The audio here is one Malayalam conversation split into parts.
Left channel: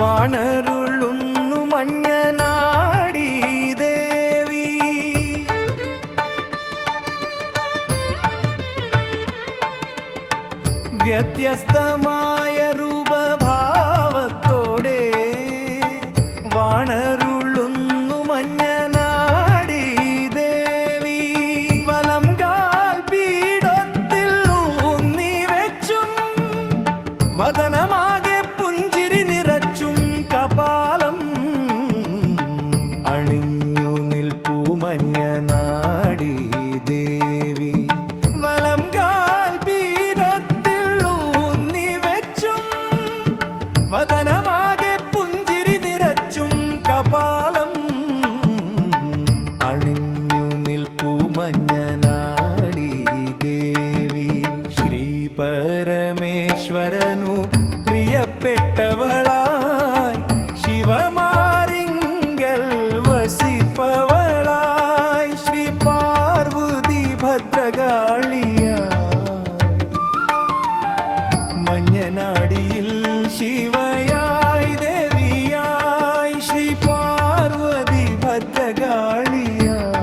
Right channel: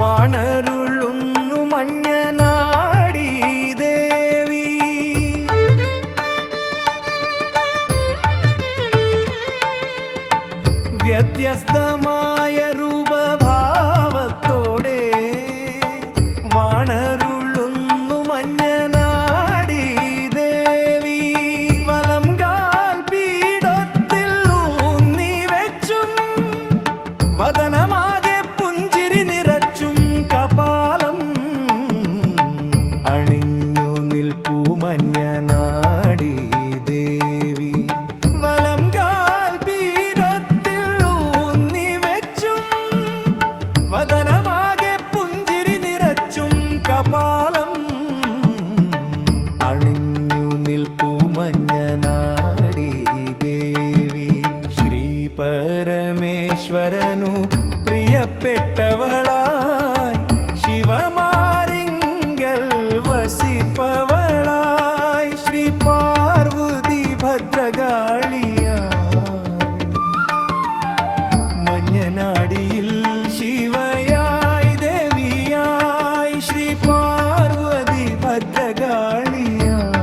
വാണരുളുന്നു മഞ്ഞനാടി ദേവി. വ്യത്യസ്തമായ രൂപഭാവത്തോടെ വാണരുളുന്നു മഞ്ഞനാടി ദേവി. വലം കാൽ പീഠത്തിൽ ഊന്നി വെച്ചും വദനമാകെ പുഞ്ചിരി നിറച്ചും കപാലം അണിഞ്ഞു നിൽപ്പൂ മഞ്ഞനാടി ദേവി. വലം കാൽ പീഠത്തിൽ ഊന്നി വെച്ചും വദനമാകെ പുഞ്ചിരി നിറച്ചും കപാലം അണിഞ്ഞു നിൽപ്പൂ മഞ്ഞനാടി ദേവി. ശ്രീ പരമേശ്വരനു പ്രിയപ്പെട്ടവളായി ശിവമാരിങ്കൽ വസിപ്പവളായി ശ്രീ പാർവതി ഭദ്രകാളിയായി മഞ്ഞനാടിയിൽ ശിവയായി ദേവിയായി ശ്രീ പാർവതി ഭദ്രകാളിയായി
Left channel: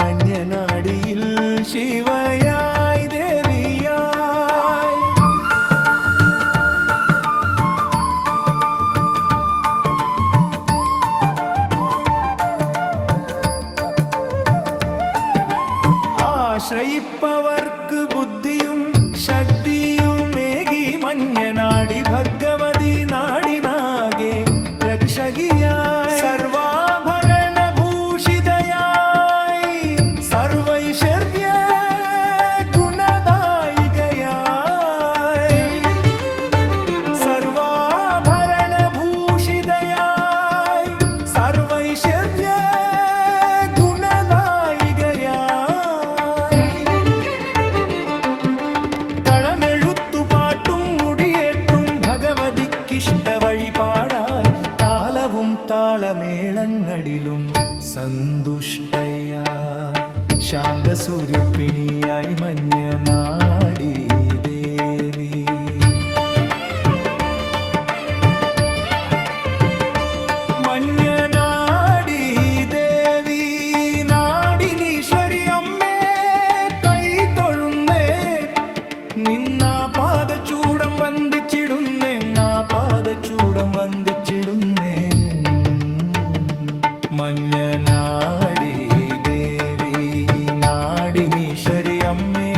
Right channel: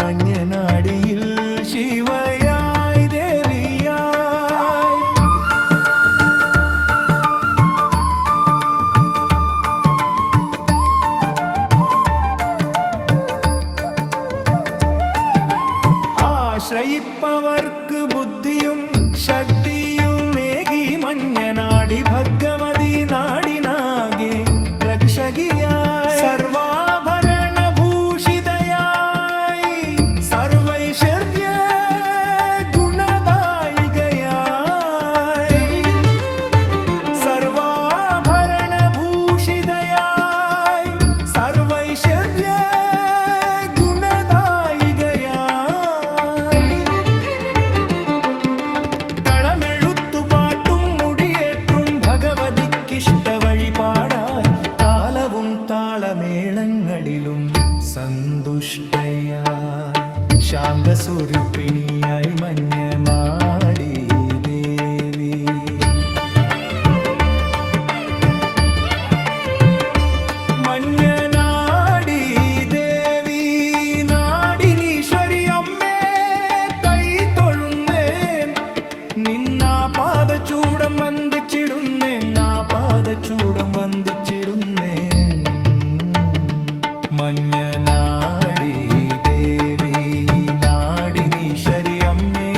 മഞ്ഞനാടിയിൽ ശിവയായി ദേവിയായി. ആശ്രയിപ്പവർക്ക് ബുദ്ധിയും ശക്തിയുമേകി മഞ്ഞനാടി ഭഗവതി നാടിനാകെ രക്ഷകിയായി സർവാഭരണഭൂഷിതയായി സർവൈശ്വര്യ ഗുണദായികയായി സർവാഭരണഭൂഷിതയായി സർവൈശ്വര്യ ഗുണദായികയായി കളമെഴുത്തുപാട്ടും മുടിയേറ്റും ഭഗവതിക്കിഷ്ട വഴിപാടായി താളവും താളമേളങ്ങളിലും സന്തുഷ്ടയായി ശാന്തസ്വരൂപിണിയായി മഞ്ഞനാടി ദേവി. മഞ്ഞനാടി ദേവി നാടിനീശ്വരി അമ്മേ കൈ തൊഴുന്നേൻ നിന്നാ പാദചൂടം വന്ദിച്ചിടുന്നേ നാ പാദചൂടം വന്ദിച്ചിടുന്നേ. മഞ്ഞനാടി ദേവി നാടിനീശ്വരി അമ്മേ